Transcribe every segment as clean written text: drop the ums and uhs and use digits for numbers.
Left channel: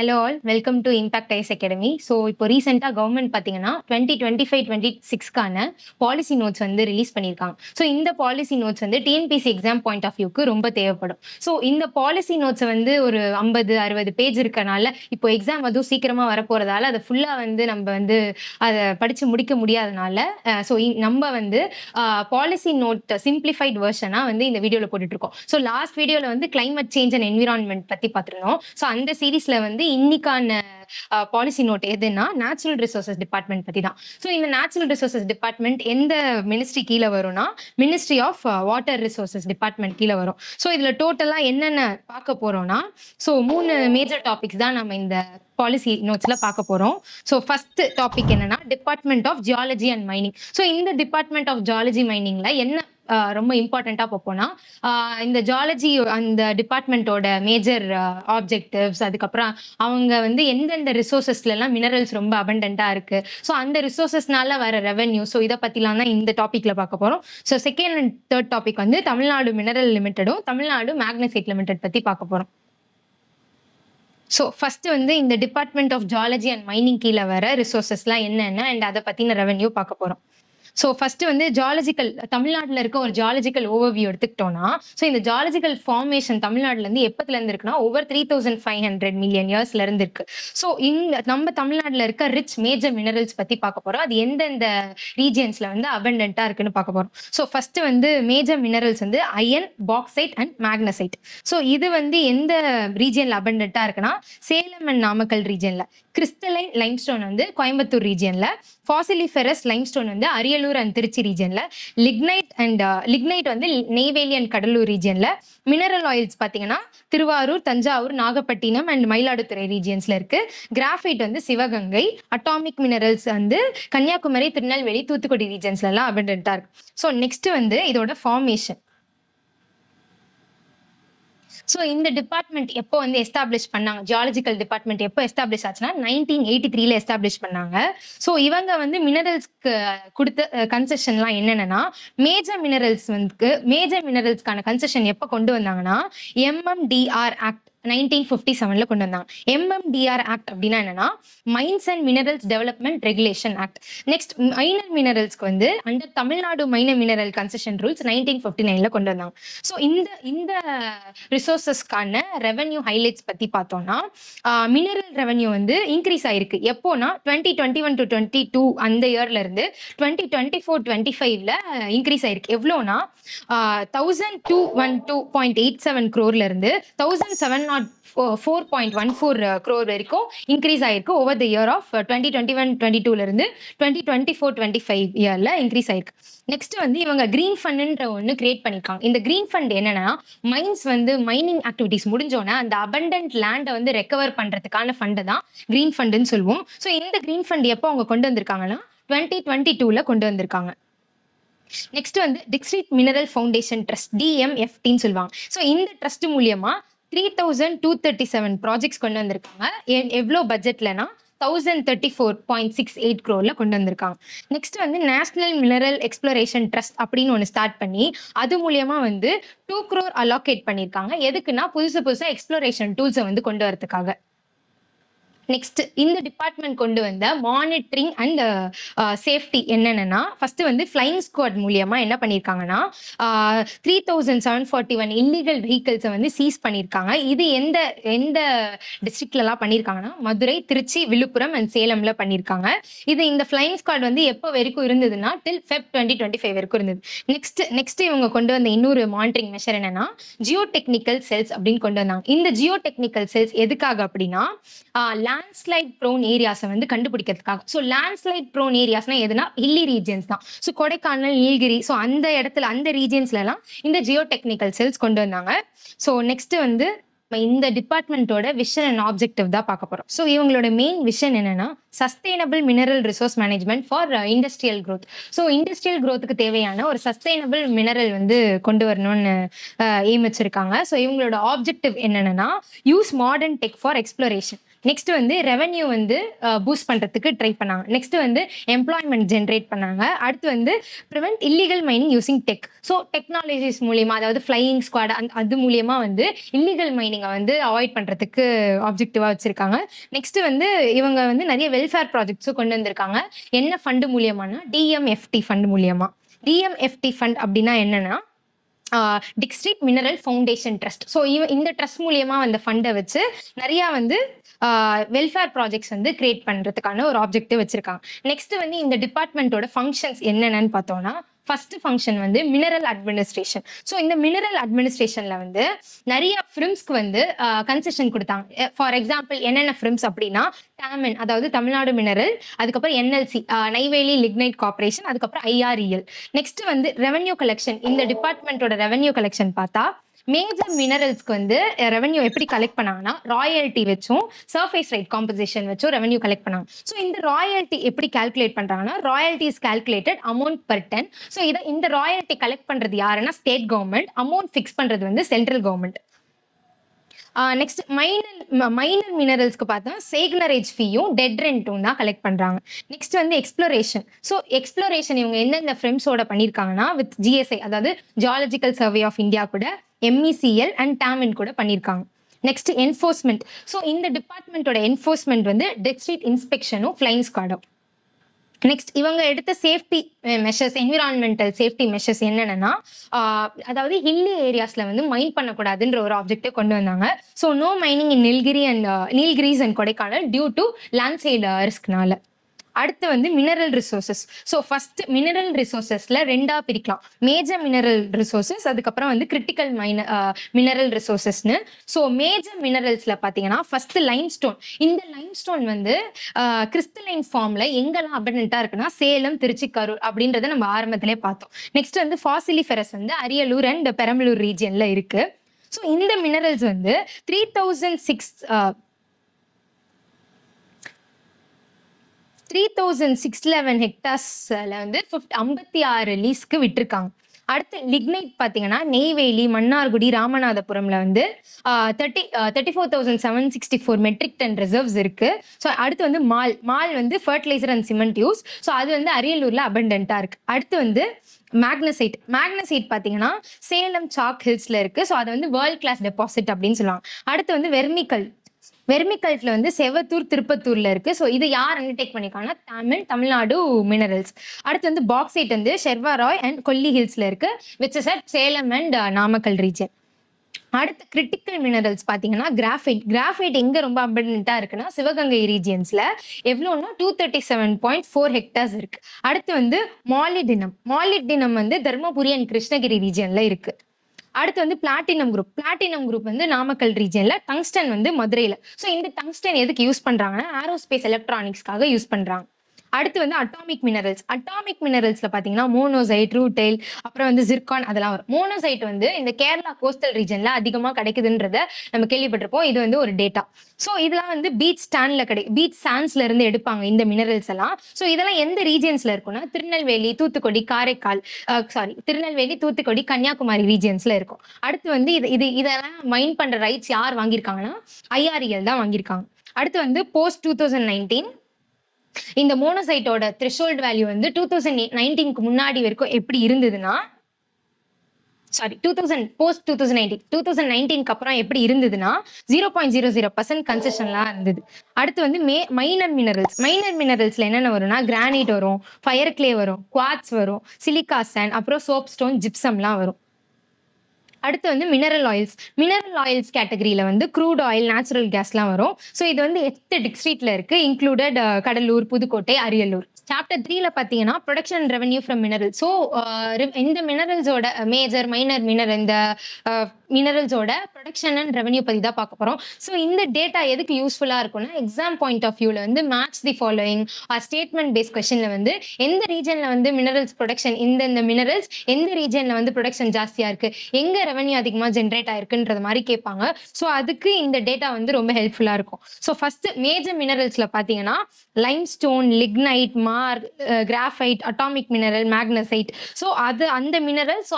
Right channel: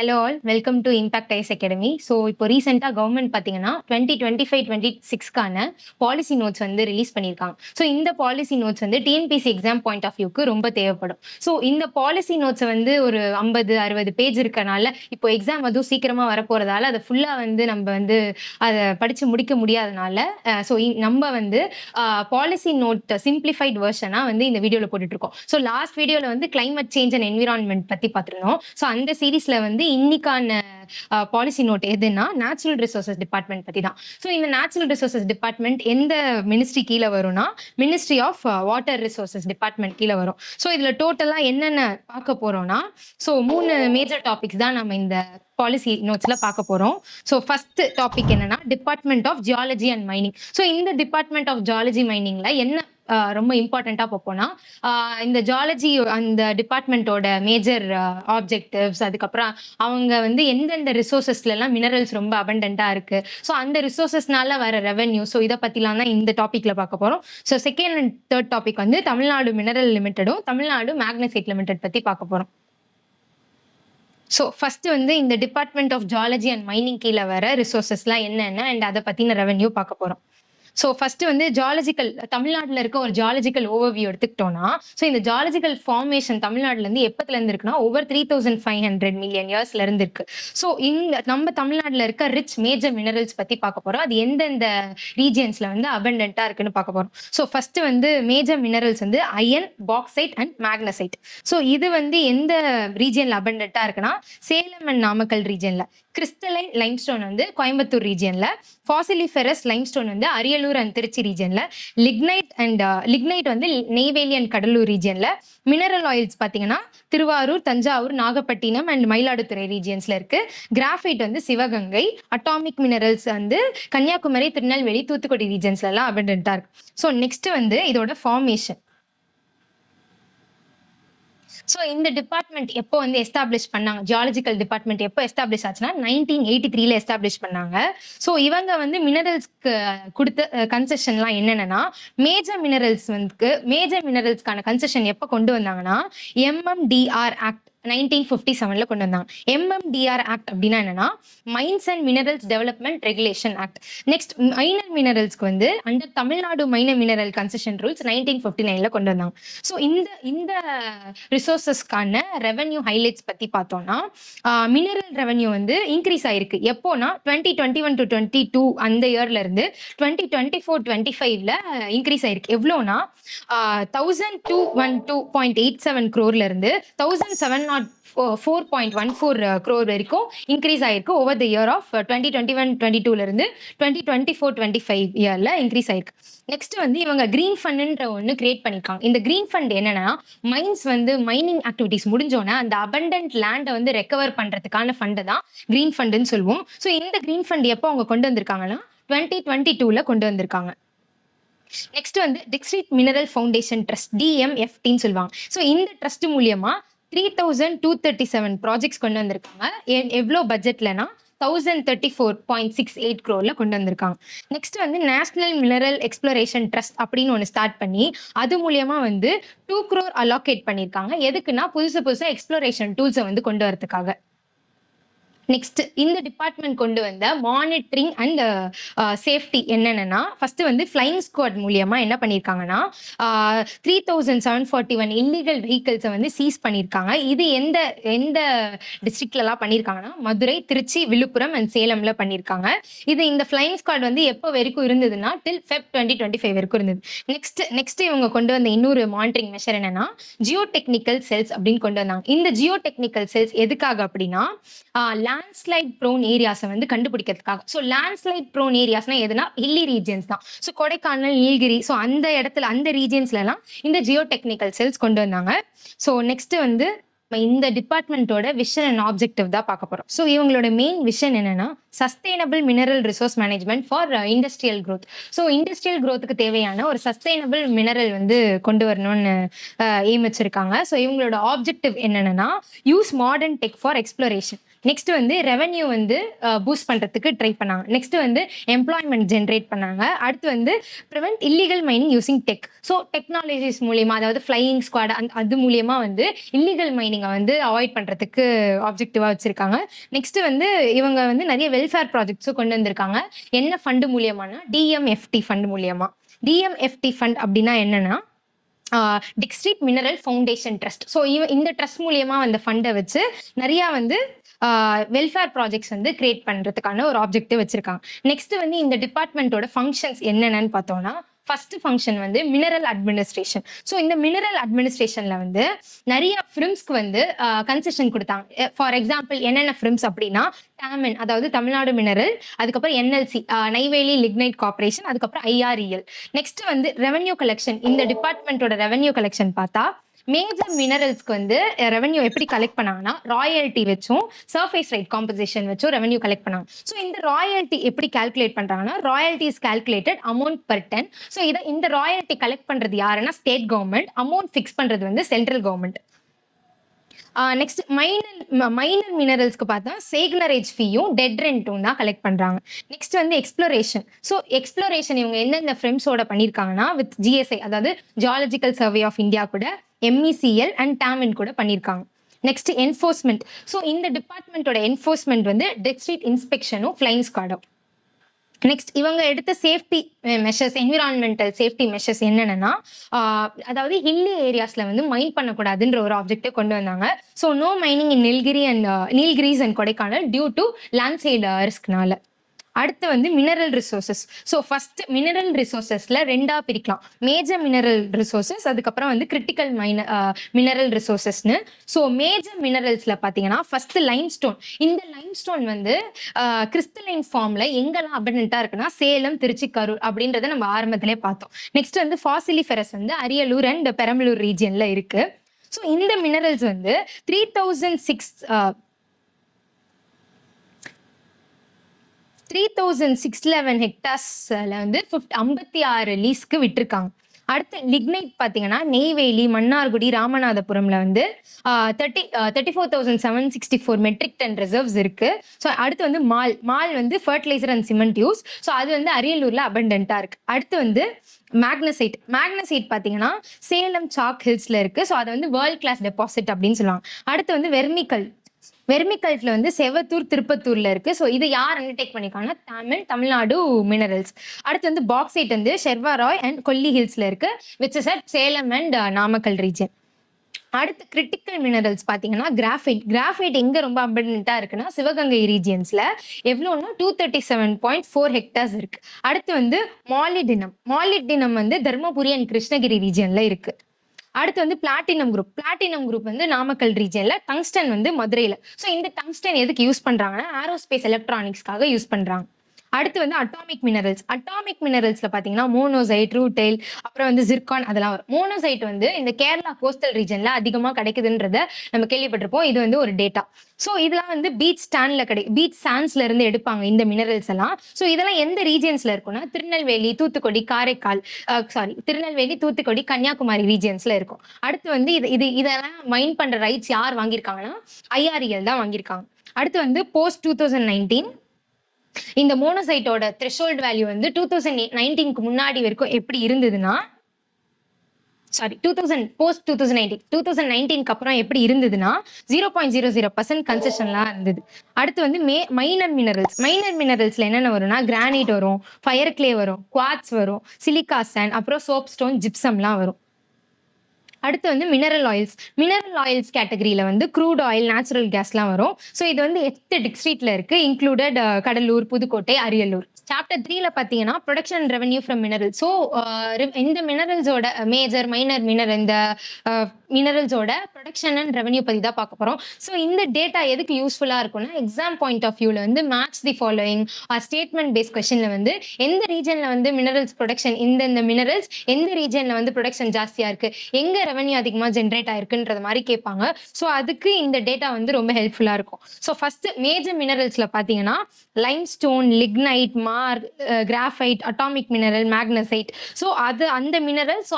Hello all welcome to impact IAS academy. So இப்போ ரீசெண்டாக government பார்த்தீங்கன்னா 2025-26க்கான பாலிசி நோட்ஸ் வந்து ரிலீஸ் பண்ணியிருக்காங்க. ஸோ இந்த பாலிசி நோட்ஸ் வந்து டிஎன்பிசி எக்ஸாம் பாயிண்ட் ஆஃப் வியூக்கு ரொம்ப தேவைப்படும். ஸோ இந்த பாலிசி நோட்ஸை வந்து ஒரு 50-60 பேஜ் இருக்கனால இப்போ எக்ஸாம் அதுவும் சீக்கிரமாக வரப்போகிறதால அதை ஃபுல்லாக வந்து நம்ம வந்து அதை படித்து முடிக்க முடியாதனால ஸோ நம்ம வந்து பாலிசி நோட் சிம்பிளிஃபைட் வெர்ஷனாக வந்து இந்த வீடியோவில் போட்டுட்ருக்கோம். ஸோ லாஸ்ட் வீடியோவில் வந்து கிளைமேட் சேஞ்ச் அண்ட் என்விரான்மெண்ட் பற்றி பார்த்துருந்தோம். ஸோ அந்த சீரீஸில் வந்து இன்னைக்கான பாலிசி நோட் எதுன்னா நேச்சுரல் ரிசோர்சஸ் டிபார்ட்மெண்ட் பத்தி தான். ஸோ இந்த நேச்சுரல் ரிசோர்சஸ் டிபார்ட்மெண்ட் எந்த மினிஸ்ட்ரி கீழே வரும்னா ministry of water resources department கீழே வரும். ஸோ இதுல டோட்டலா என்னென்ன பார்க்க போறோம்னா ஸோ 3 மேஜர் டாபிக்ஸ் தான் நம்ம இந்த பாலிசி நோட்ஸ்ல பார்க்க போறோம். ஸோ ஃபர்ஸ்ட் டாபிக் என்னன்னா department of geology and mining. So இந்த டிபார்ட்மெண்ட் ஆஃப் ஜியாலஜி மைனிங்ல என்ன ரொம்ப இம்பார்ட்டண்ட்டாக பார்ப்போம்னா இந்த ஜியாலஜி அந்த டிபார்ட்மெண்ட்டோட மேஜர் ஆப்ஜெக்டிவ்ஸ், அதுக்கப்புறம் அவங்க வந்து எந்தெந்த ரிசோர்சஸ்லாம் மினரல்ஸ் ரொம்ப அபண்டண்ட்டாக இருக்குது, ஸோ அந்த ரிசோர்சஸ்னால வர ரெவென்யூ, ஸோ இதை பற்றிலாம் தான் இந்த டாப்பிக்கில் பார்க்க போகிறோம். So second and third topic வந்து தமிழ்நாடு மினரல் லிமிட்டடும் தமிழ்நாடு மேக்னசைட் லிமிடெட் பற்றி பார்க்க போகிறோம். ஸோ ஃபர்ஸ்ட் வந்து இந்த department of geology and mining கீழே வர ரிசோர்சஸ்லாம் என்னென்ன அண்ட் அதை பற்றின ரெவென்யூ பார்க்க போகிறோம். ஸோ ஃபர்ஸ்ட் வந்து ஜியாலஜிக்கல் தமிழ்நாட்டில் இருக்க ஒரு ஜியாலஜிக்கல் ஓவர்வியூ எடுத்துக்கிட்டோம்னா, ஸோ இந்த ஜியாலஜிக்கல் ஃபார்மேஷன் தமிழ்நாட்டிலேருந்து எப்பத்துலேருந்து இருக்குன்னா ஓவர் 3500 மில்லியன் இயர்ஸ்ல இருந்து இருக்கு. ஸோ இந்த நம்ம தமிழ்நாட்டில் இருக்க ரிச் மேஜர் மினரல்ஸ் பற்றி பார்க்க போகிறோம். அது எந்தெந்த ரீஜியன்ஸில் வந்து அபண்டண்ட்டாக இருக்குன்னு பார்க்க போகிறோம். ஸோ ஃபர்ஸ்ட் வந்து மேஜர் மினரல்ஸ் வந்து iron, bauxite and magnesite. So இது வந்து எந்த ரீஜியனில் அபண்டண்ட்டாக இருக்குன்னா சேலம் அண்ட் நாமக்கல் ரீஜியனில், கிறிஸ்டலைன் லைம்ஸ்டோன் வந்து கோயம்புத்தூர் ரீஜியனில், ஃபாசிலிஃபெரஸ் லைம்ஸ்டோன் வந்து அரியலூர் அண்ட் திருச்சி ரீஜியன்ல, லிக்னைட் வந்து நெய்வேலி அண்ட் கடலூர் ரீஜியன்ல, மினரல் ஆயில்ஸ் பாத்தீங்கன்னா திருவாரூர், தஞ்சாவூர், நாகப்பட்டினம் அண்ட் மயிலாடுதுறை ரீஜியன்ஸ்ல இருக்கு. கிராஃபைட் வந்து சிவகங்கை, அட்டாமிக் மினரல்ஸ் வந்து கன்னியாகுமரி, திருநெல்வேலி, தூத்துக்குடி ரீஜியன்ஸ்ல எல்லாம் அபண்டன்ட்டா இருக்கு. ஸோ நெக்ஸ்ட் வந்து இதோட ஃபார்மேஷன். ஸோ இந்த டிபார்ட்மெண்ட் எப்போ வந்து எஸ்டாப்ளிஷ் பண்ணாங்க, ஜியாலஜிக்கல் டிபார்ட்மெண்ட் எப்போ எஸ்டாப்ளிஷ் ஆச்சுன்னா 1983 எஸ்டாப்ளிஷ் பண்ணாங்க. ஸோ இவங்க வந்து மினரல்ஸ்க்கு கொடுத்த கன்செஷன்லாம் என்னென்னா, மேஜர் மினரல்ஸ்க்கான கன்செஷன் எப்போ கொண்டு வந்தாங்கன்னா MMDR ஆக்ட் 1957 கொண்டு வந்தாங்க. MMDR ஆக்ட் அப்படின்னா என்னன்னா mines and minerals development regulation act. Next minor மினரல்ஸ்க்கு வந்து under Tamil Nadu minor mineral concession rules 1959 கொண்டு வந்தாங்க. ஸோ இந்த ரிசோர்சஸ்க்கான ரெவென்யூ ஹைலைட்ஸ் பத்தி பார்த்தோம்னா மினரல் ரெவென்யூ வந்து இன்க்ரீஸ் ஆயிருக்கு. எப்போனா 2021 to 22 அந்த இயர்ல இருந்து 2024-25ல இன்க்ரீஸ் ஆயிருக்கு. எவ்வளோனா 1212.87 crore இருந்து 1704.14 crore வரைக்கும் இன்க்ரீஸ் ஆயிருக்கு ஓவர் த இயர் ஆஃப் 2021-22ல இருந்து 2024-25 இயர்ல இன்க்ரீஸ் ஆயிருக்கு. நெக்ஸ்ட் வந்து இவங்க கிரீன் ஃபண்ட்ன்ற ஒன்று கிரியேட் பண்ணிருக்காங்க. இந்த கிரீன் ஃபண்ட் என்னன்னா மைன்ஸ் வந்து மைனிங் ஆக்டிவிட்டிஸ் முடிஞ்சோன்னா அந்த அபண்டன்ட் லேண்டை வந்து ரெக்கவர் பண்றதுக்கான ஃபண்டை தான் கிரீன் ஃபண்டுன்னு சொல்லுவோம். ஸோ இந்த கிரீன் ஃபண்ட் எப்போ அவங்க கொண்டு வந்திருக்காங்கன்னா 2022ல கொண்டு வந்திருக்காங்க. நெக்ஸ்ட் வந்து டிஸ்ட்ரிக்ட் மினரல் ஃபவுண்டேஷன் ட்ரஸ்ட், DMFTன்னு சொல்லுவாங்க. ஸோ இந்த ட்ரஸ்ட் மூலியமா 3237 ப்ராஜெக்ட்ஸ் கொண்டு வந்திருக்காங்க. எவ்வளோ பட்ஜெட்லனா 1034.68 crore கொண்டு வந்திருக்காங்க. நெக்ஸ்ட் வந்து நேஷனல் மினரல் எக்ஸ்ப்ளோரேஷன் ட்ரஸ்ட் அப்படின்னு ஒன்று ஸ்டார்ட் பண்ணி அது மூலியமா வந்து 2 crore அலோகேட் பண்ணியிருக்காங்க. எதுக்குன்னா புதுசா எக்ஸ்ப்ளோரேஷன் டூல்ஸை வந்து கொண்டு வரதுக்காக. நெக்ஸ்ட் இந்த டிபார்ட்மெண்ட் கொண்டு வந்த மானிட்டரிங் அண்ட் சேஃப்டி என்னென்னா, ஃபர்ஸ்ட் வந்து ஃப்ளைங் ஸ்குவாட் மூலியமா என்ன பண்ணியிருக்காங்கன்னா 3741 இல்லீகல் வெஹிக்கிள்ஸை வந்து சீஸ் பண்ணியிருக்காங்க. இது எந்த டிஸ்ட்ரிக்ட்லலாம் பண்ணியிருக்காங்கன்னா மதுரை, திருச்சி, விழுப்புரம் அண்ட் சேலம்ல பண்ணியிருக்காங்க. இது இந்த ஃப்ளைங் ஸ்குவாட் வந்து எப்போ வரைக்கும் இருந்ததுன்னா டில் Feb 2025 வரைக்கும் இருந்தது. நெக்ஸ்ட் இவங்க கொண்டு வந்த இன்னொரு மானிட்டரிங் மெஷர் என்னன்னா ஜியோ டெக்னிக்கல் செல்ஸ் அப்படின்னு கொண்டு வந்தாங்க. இந்த ஜியோ டெக்னிக்கல் செல்ஸ் எதுக்காக அப்படின்னா லேண்ட்ஸ்லைட் ப்ரோன் ஏரியாஸை வந்து கண்டுபிடிக்கிறதுக்காக. ஸோ லேண்ட்ஸ்லைட் ப்ரோன் ஏரியாஸ்னா எதுனா ஹில்லி ரீஜன்ஸ் தான். ஸோ கொடைக்கானல், நீலகிரி, ஸோ அந்த இடத்துல அந்த ரீஜன்ஸ்லாம் இந்த ஜியோ டெக்னிக்கல் செல்ஸ் கொண்டு வந்தாங்க. ஸோ நெக்ஸ்ட் வந்து இந்த டிபார்ட்மெண்ட்டோட விஷன் அண்ட் ஆப்ஜெக்டிவ் தான் பார்க்க போறோம். ஸோ இவங்களோட மெயின் விஷன் என்னன்னா sustainable mineral resource management for industrial growth. So industrial க்ரோத்துக்கு தேவையான ஒரு சஸ்டைனபிள் மினரல் வந்து கொண்டு வரணும்னு எய்ம் வச்சிருக்காங்க. ஸோ இவங்களோட ஆப்ஜெக்டிவ் என்னன்னா use modern tech for exploration. Next வந்து ரெவென்யூ வந்து பூஸ்ட் பண்றதுக்கு ட்ரை பண்ணாங்க. நெக்ஸ்ட் வந்து எம்ப்ளாய்மெண்ட் ஜென்ரேட் பண்ணாங்க. அடுத்து வந்து prevent illegal mining using tech. So technologies மூலியமா, அதாவது ஃப்ளையிங் ஸ்குவாட் அது மூலியமா வந்து இல்லீகல் மைனிங்கை வந்து அவாய்ட் பண்றதுக்கு ஆப்ஜெக்டிவா வச்சிருக்காங்க. நெக்ஸ்ட் வந்து இவங்க வந்து நிறைய வெல்ஃபேர் ப்ராஜெக்ட்ஸும் கொண்டு வந்திருக்காங்க. என்ன ஃபண்டு மூலியமானா டிஎம்எஃப்டி ஃபண்ட் மூலியமா. டிஎம்எஃப்டி ஃபண்ட் அப்படின்னா என்னன்னா district mineral foundation trust. So இந்த ட்ரஸ்ட் மூலியமா அந்த ஃபண்டை வச்சு நிறைய வந்து வெல்ஃபேர் ப்ராஜெக்ட்ஸ் வந்து கிரியேட் பண்றதுக்கான ஒரு ஆப்ஜெக்டிவ் வச்சிருக்காங்க. நெக்ஸ்ட் வந்து இந்த டிபார்ட்மெண்ட்டோட ஃபங்க்ஷன்ஸ் என்னென்னு பார்த்தோம்னா, ஃபர்ஸ்ட் ஃபங்க்ஷன் வந்து மினரல் அட்மினிஸ்ட்ரேஷன். ஸோ இந்த மினரல் அட்மினிஸ்ட்ரேஷன்ல வந்து நிறைய ஃபிரிம்ஸ்க்கு வந்து கன்செஷன் கொடுத்தாங்க. ஃபார் எக்ஸாம்பிள் என்னென்ன ஃபிரிம்ஸ் அப்படின்னா டாமின், அதாவது தமிழ்நாடு மினரல், அதுக்கப்புறம் என்எல்சி நெய்வேலி லிக்னைட் கார்பரேஷன், அதுக்கப்புறம் ஐஆர்இஎல். நெக்ஸ்ட் வந்து ரெவென்யூ கலெக்ஷன். இந்த டிபார்ட்மெண்ட்டோட ரெவென்யூ கலெக்ஷன் பார்த்தா மேஜர் மினரல்ஸ்க்கு வந்து ரெவென்யூ எப்படி கலெக்ட் பண்ணாங்கன்னா ராயல்ட்டி வச்சும் சர்ஃபேஸ் ரைட் காம்பன்சேஷன் வச்சும் ரெவென்யூ கலெக்ட் பண்ணாங்க. ஸோ இந்த ராயல்ட்டி எப்படி கால்குலேட் பண்றாங்கன்னா royalty is calculated amount per ton. So இந்த ராயல்ட்டி கலெக்ட் பண்றது யாருன்னா ஸ்டேட் கவர்மெண்ட், அமௌண்ட் ஃபிக்ஸ் பண்றது வந்து சென்ட்ரல் கவர்மெண்ட். நெக்ஸ்ட் மைனர் மினரல்ஸ்க்கு பார்த்தா சேக்னரேஜ் ஃபீயும் டெட் ரெண்ட்டும் தான் கலெக்ட் பண்றாங்க. நெக்ஸ்ட் வந்து எக்ஸ்ப்ளோரேஷன். ஸோ எக்ஸ்ப்ளோரேஷன் இவங்க எந்தெந்த ஃப்ரெண்ட்ஸோட பண்ணியிருக்காங்கன்னா வித் ஜிஎஸ்ஐ, அதாவது ஜியாலஜிக்கல் சர்வே ஆஃப் இந்தியா கூட, எம்இசிஎல் அண்ட் டாமின் கூட பண்ணியிருக்காங்க. Next enforcement. ஸோ இந்த டிபார்ட்மெண்ட்டோட என்ஃபோர்ஸ்மெண்ட் வந்து டிஸ்ட்ரிக்ட் இன்ஸ்பெக்ஷனும் ஃப்ளைங் ஸ்குவாடும். நெக்ஸ்ட் இவங்க எடுத்த safety measures, environmental safety measures என்னென்னா, அதாவது ஹில்லி ஏரியாஸ்ல வந்து மைன் பண்ணக்கூடாதுன்ற ஒரு ஆப்ஜெக்டை கொண்டு வந்தாங்க. So no mining in Nilgiris and Kodaikanal due to landslide ரிஸ்க்னால. அடுத்து வந்து mineral resources. So first mineral ரிசோர்சஸ்ல ரெண்டா பிரிக்கலாம், மேஜர் மினரல் ரிசோர்சஸ், அதுக்கப்புறம் வந்து கிரிட்டிக்கல் மினரல் ரிசோர்சஸ்னு. ஸோ மேஜர் மினரல்ஸ்ல பார்த்தீங்கன்னா ஃபர்ஸ்ட் லைம்ஸ்டோன். இந்த லைம்ஸ்டோன் வந்து கிறிஸ்டலைன் ஃபார்ம்ல எங்கெல்லாம் அபண்டன்ட்டா இருக்குன்னா சேலம், திருச்சி, கரூர் அப்படின்றத நம்ம ஆரம்பத்திலே பார்த்தோம். நெக்ஸ்ட் வந்து ஃபாசிலிஃபெரஸ் வந்து அரியலூர் அண்ட் பெரம்பலூர் ரீஜியன்ல இருக்கு. ஸோ இந்த மினரல்ஸ் வந்து 3611 ஹெக்டர்ஸ்ல வந்து 56 லீஸ்க்கு விட்டுருக்காங்க. அடுத்து லிக்னைட் பார்த்தீங்கன்னா நெய்வேலி, மன்னார்குடி, ராமநாதபுரம்ல வந்து 34,764 மெட்ரிக் டன் ரிசர்வ்ஸ் இருக்கு. ஸோ அடுத்து வந்து மால் வந்து fertiliser and cement use. So அது வந்து அரியலூர்ல அபண்டன்ட்டா இருக்கு. அடுத்து வந்து மேக்னசைட் பார்த்தீங்கன்னா சேலம் சாக் ஹில்ஸ்ல இருக்கு. ஸோ அது வந்து வேர்ல்ட் கிளாஸ் டெபாசிட் அப்படின்னு சொல்லுவாங்க. அடுத்து வந்து வெர்மிகல்ட்ல வந்து செவத்தூர், திருப்பத்தூர்ல இருக்கு. ஸோ இது யார் அண்டர்டேக் பண்ணிருக்காங்கன்னா தமிழ்நாடு மினரல்ஸ். அடுத்து வந்து பாக்சைட் வந்து ஷெர்வாராய் அண்ட் கொல்லி ஹில்ஸ்ல இருக்கு, which is at Salem and Namakkal region. அடுத்து கிரிட்டிக்கல் மினரல்ஸ் பார்த்தீங்கன்னா கிராஃபைட் எங்க ரொம்ப அபண்டன்ட்டா இருக்குன்னா சிவகங்கை ரீஜியன்ஸ்ல. எவ்வளோன்னா 237.4 ஹெக்டர்ஸ் இருக்கு. அடுத்து வந்து மாலிப்டினம் வந்து தர்மபுரி அண்ட் கிருஷ்ணகிரி ரீஜியன்ல இருக்கு. அடுத்து வந்து பிளாட்டினம் குரூப் வந்து நாமக்கல் ரீஜன்ல, டங்ஸ்டன் வந்து மதுரையில. ஸோ இந்த டங்ஸ்டன் எதுக்கு யூஸ் பண்றாங்கன்னா ஏரோஸ்பேஸ் எலக்ட்ரானிக்ஸ்க்காக யூஸ் பண்றாங்க. அடுத்து வந்து அட்டாமிக் மினரல்ஸ்ல பாத்தீங்கன்னா மோனோசைட், ரூட்டைல், அப்புறம் வந்து ஜிர்கான் அதெல்லாம் வரும். மோனோசைட் வந்து இந்த கேரளா கோஸ்டல் ரீஜன்ல அதிகமா கிடைக்குதுன்றத நம்ம கேள்விப்பட்டிருப்போம். இது வந்து ஒரு டேட்டா. ஸோ இதெல்லாம் வந்து பீச் சாண்ட்ஸ்ல இருந்து எடுப்பாங்க இந்த மினரல்ஸ் எல்லாம். ஸோ இதெல்லாம் எந்த ரீஜன்ஸ்ல இருக்கும்னா திருநெல்வேலி, தூத்துக்குடி, கன்னியாகுமரி ரீஜன்ஸ்ல இருக்கும். அடுத்து வந்து இதெல்லாம் மைன் பண்ற ரைட்ஸ் யார் வாங்கியிருக்காங்கன்னா ஐஆர்இஎல் தான் வாங்கியிருக்காங்க. அடுத்து வந்து போஸ்ட் 2019 இந்த மோனோசைட்டோட த்ரெஷோல்ட் வேல்யூ வந்து 2019க்கு முன்னாடி வரைக்கும் எப்படி இருந்ததுன்னா, போஸ்ட் 2019க்கு அப்புறம் எப்படி இருந்ததுன்னா 0.00% கன்செஷன்லாம் இருந்தது. அடுத்து வந்து மைனர் மினரல்ஸ்ல என்னென்ன வரும்னா கிரானைட் வரும், ஃபயர் கிளே வரும், குவார்ட்ஸ் வரும், சிலிக்கா சாண்ட், அப்புறம் சோப் ஸ்டோன், ஜிப்சம்லாம் வரும். அடுத்து வந்து மினரல் ஆயில்ஸ் கேட்டகரியில வந்து க்ரூட் ஆயில், நேச்சுரல் கேஸ்லாம் வரும். ஸோ இது வந்து 8 டிஸ்ட்ரிக்ட்ல இருக்கு, இன்க்ளூடட் கடலூர், புதுக்கோட்டை, அரியலூர். சாப்டர் 3ல பார்த்தீங்கன்னா production and revenue from mineral. So இந்த மினரல்ஸோட மைனர் இந்த மினரல்ஸோட ப்ரொடக்ஷன் அண்ட் ரெவன்யூ பற்றி தான் பார்க்க போகிறோம். ஸோ இந்த டேட்டா எதுக்கு யூஸ்ஃபுல்லாக இருக்கும்னா எக்ஸாம் பாயிண்ட் ஆஃப் வியூவில் வந்து match the following statement paste கொஸ்டினில் வந்து எந்த ரீஜனில் வந்து மினரல்ஸ் ப்ரொடக்ஷன், இந்த மினரல்ஸ் எந்த ரீஜனில் வந்து ப்ரொடக்ஷன் ஜாஸ்தியாக இருக்குது, எங்கே ரெவன்யூ அதிகமாக ஜென்ரேட் ஆயிருக்குன்றது மாதிரி கேட்பாங்க. ஸோ அதுக்கு இந்த டேட்டா வந்து ரொம்ப ஹெல்ப்ஃபுல்லாக இருக்கும். ஸோ ஃபர்ஸ்ட் மேஜர் மினரல்ஸில் பார்த்தீங்கன்னா limestone, lignite, graphite, atomic mineral, magnesite. So அந்த மினரல், ஸோ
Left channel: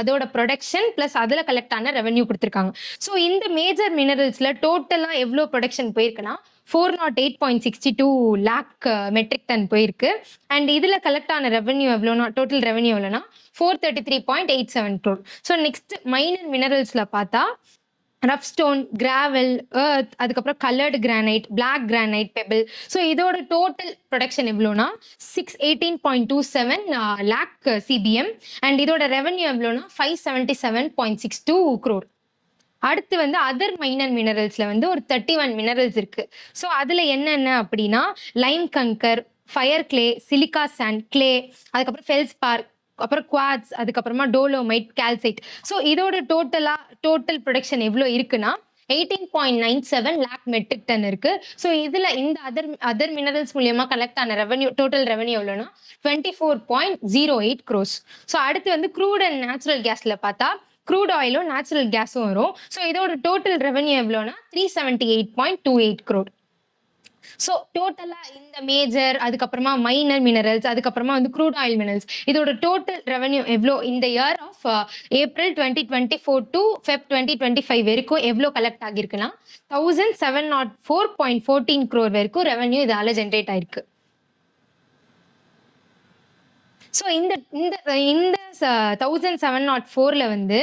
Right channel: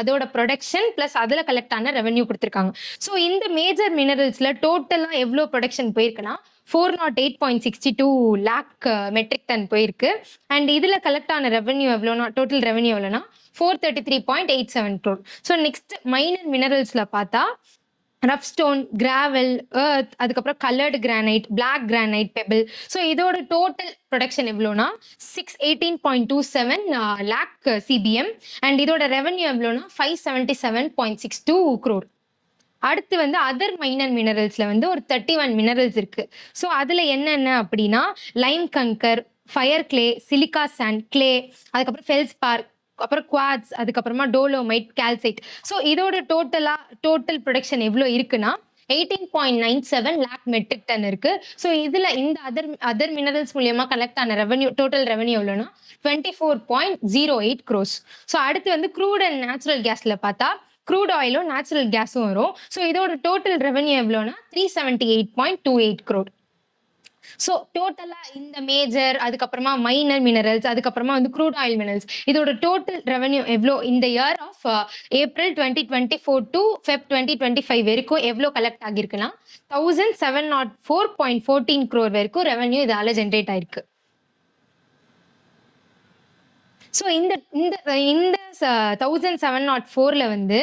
அதோட ப்ரொடக்ஷன் பிளஸ் அதில் கலெக்ட் ஆன ரெவன்யூ கொடுத்துருக்காங்க. ஸோ இந்த மேஜர் மினரல்ஸ்ல டோட்டலாக எவ்வளோ ப்ரொடக்ஷன் போயிருக்குன்னா 408.62 லேக் மெட்ரிக் டன் போயிருக்கு. அண்ட் இதுல கலெக்ட் ஆன ரெவன்யூ எவ்வளோனா, டோட்டல் ரெவன்யூ எவ்வளோனா 433.87 crore. ஸோ நெக்ஸ்ட் மைனர் மினரல்ஸ்ல பார்த்தா ரஃப் ஸ்டோன், கிராவல், எர்த், அதுக்கப்புறம் coloured granite, black granite, pebble. So இதோட டோட்டல் ப்ரொடக்ஷன் எவ்வளோனா 618.27 லேக் சிபிஎம். அண்ட் இதோட ரெவன்யூ எவ்வளோனா 577.62 crore. அடுத்து வந்து அதர் மைனர் மினரல்ஸ்ல வந்து ஒரு 31 மினரல்ஸ் இருக்கு. ஸோ அதுல என்னென்ன அப்படின்னா lime kankar, fire clay, silica sand, clay, அதுக்கப்புறம் ஃபெல்ஸ்பார், அப்புறம் குவாட்ஸ், அதுக்கப்புறமா டோலோமைட், கால்சைட். ஸோ இதோட டோட்டல் ப்ரொடக்ஷன் எவ்வளோ இருக்குன்னா 18.97 லேக் மெட்ரிக் டன் இருக்கு. ஸோ இதுல இந்த அதர் மினரல்ஸ் மூலியமா கலெக்ட் ஆன டோட்டல் ரெவன்யூ எவ்வளோன்னா 24.08 crores. ஸோ அடுத்து வந்து க்ரூட் அண்ட் நேச்சுரல் கேஸ்ல பார்த்தா க்ரூட் ஆயிலும் நேச்சுரல் கேஸும் வரும். ஸோ இதோட டோட்டல் ரெவன்யூ எவ்வளோனா 378.28 crore. ஸோ டோட்டலா இந்த மேஜர், அதுக்கப்புறமா மைனர் மினரல்ஸ், அதுக்கப்புறமா வந்து க்ரூட் ஆயில் மினரல்ஸ், இதோட டோட்டல் ரெவன்யூ எவ்வளோ இந்த year of April 2024 to Feb 2025 வரைக்கும் எவ்வளோ கலெக்ட் ஆகிருக்குன்னா 1704.14 crore வரைக்கும் ரெவன்யூ இதால ஜென்ரேட் ஆயிருக்கு. ஸோ இந்த இந்த இந்த 1704ல வந்து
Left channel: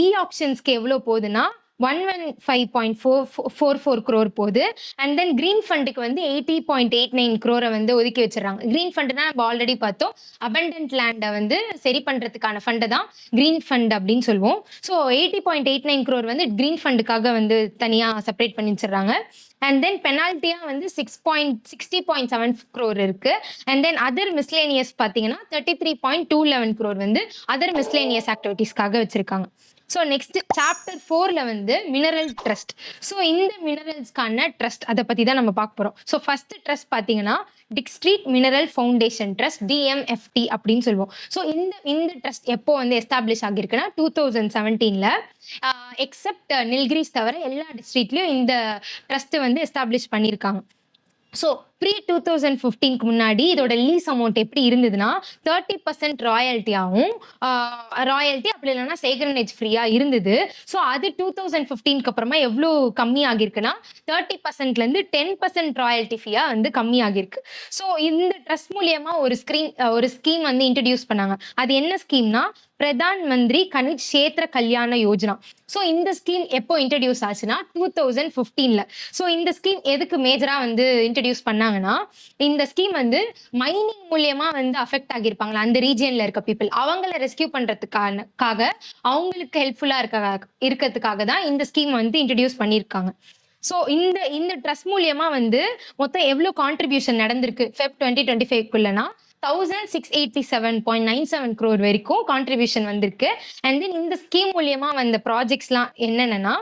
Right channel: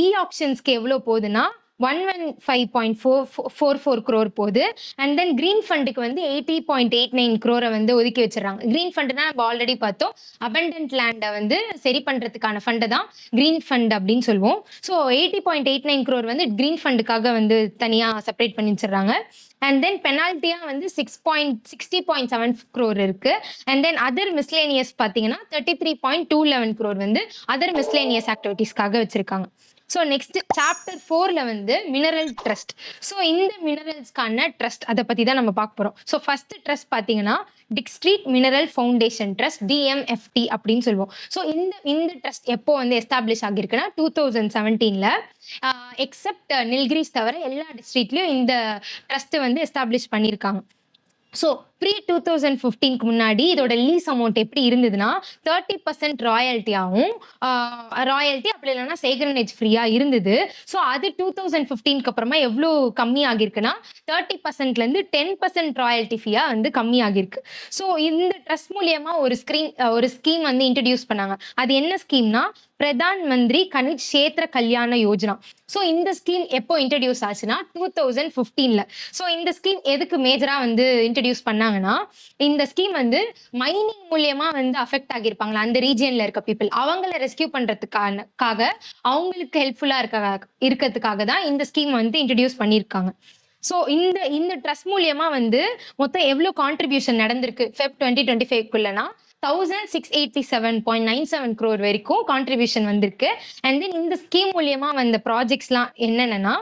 இ ஆப்ஷன்ஸ்க்கு எவ்வளோ போகுதுன்னா 115.44 crore போகுது. அண்ட் தென் கிரீன் ஃபண்டுக்கு வந்து 80.89 crore வந்து ஒதுக்கி வச்சிடறாங்க. கிரீன் ஃபண்டுனா நம்ம ஆல்ரெடி பார்த்தோம், அபண்டன்ட் லேண்டை வந்து சரி பண்றதுக்கான ஃபண்டை தான் கிரீன் ஃபண்ட் அப்படின்னு சொல்லுவோம். ஸோ 80.89 crore வந்து கிரீன் ஃபண்டுக்காக வந்து தனியா செப்பரேட் பண்ணி வச்சிடறாங்க. அண்ட் தென் பெனால்ட்டியா வந்து 60.7 crore இருக்கு. அண்ட் தென் அதர் மிஸ்லேனியஸ் பார்த்தீங்கன்னா 33.211 crore வந்து அதர் மிஸ்லேனியஸ் ஆக்டிவிட்டீஸ்க்காக வச்சிருக்காங்க. ஸோ நெக்ஸ்ட் சாப்டர் 4ல வந்து மினரல் ட்ரஸ்ட். ஸோ இந்த மினரல்ஸ்க்கான ட்ரஸ்ட் அதை பத்தி தான் நம்ம பார்க்க போறோம். ஸோ ஃபர்ஸ்ட் ட்ரஸ்ட் பார்த்தீங்கன்னா district mineral foundation trust, DMFT அப்படின்னு சொல்லுவோம். ஸோ இந்த ட்ரஸ்ட் எப்போ வந்து எஸ்டாப்ளிஷ் ஆகிருக்குன்னா 2017ல. எக்ஸப்ட் நில்கிரிஸ் தவிர எல்லா டிஸ்ட்ரிக்ட்லயும் இந்த ட்ரஸ்ட் வந்து எஸ்டாப்ளிஷ் பண்ணியிருக்காங்க. ஸோ ப்ரீ 2015க்கு முன்னாடி இதோட லீஸ் அமௌண்ட் எப்படி இருந்ததுன்னா 30% ராயல்ட்டியாகவும், ராயல்ட்டி அப்படி இல்லைன்னா சேக்ரனேஜ் ஃப்ரீயாக இருந்தது. ஸோ அது 2015க்கு அப்புறமா எவ்வளோ கம்மி ஆகிருக்குன்னா 30%லேருந்து 10% ராயல்ட்டி ஃபீயாக வந்து கம்மி ஆகிருக்கு. ஸோ இந்த ட்ரஸ்ட் மூலியமா ஒரு ஸ்கீம் வந்து இன்ட்ரடியூஸ் பண்ணாங்க. அது என்ன ஸ்கீம்னா பிரதான் மந்திரி கனிஜ் கஷேத்ர கல்யாண யோஜனா. ஸோ இந்த ஸ்கீம் எப்போ இன்ட்ரடியூஸ் ஆச்சுன்னா 2015ல. ஸோ இந்த ஸ்கீம் எதுக்கு மேஜரா வந்து இன்ட்ரடியூஸ் பண்ணாங்கன்னா இந்த ஸ்கீம் வந்து மைனிங் மூலியமா வந்து அஃபெக்ட் ஆகியிருப்பாங்களா அந்த ரீஜியன்ல இருக்க பீப்புள், அவங்கள ரெஸ்கியூ பண்றதுக்காக அவங்களுக்கு ஹெல்ப்ஃபுல்லா இருக்கிறதுக்காக தான் இந்த ஸ்கீம் வந்து இன்ட்ரடியூஸ் பண்ணியிருக்காங்க. ஸோ இந்த ட்ரஸ்ட் மூலியமா வந்து மொத்தம் எவ்வளோ கான்ட்ரிபியூஷன் நடந்திருக்கு ஃபெப் 2025க்குள்ளனா 1687.97 crore வரைக்கும் கான்ட்ரிபியூஷன் வந்திருக்கு. அண்ட் தென் இந்த ஸ்கீம் மூலியமா வந்த ப்ராஜெக்ட்ஸ்லாம் என்னென்னா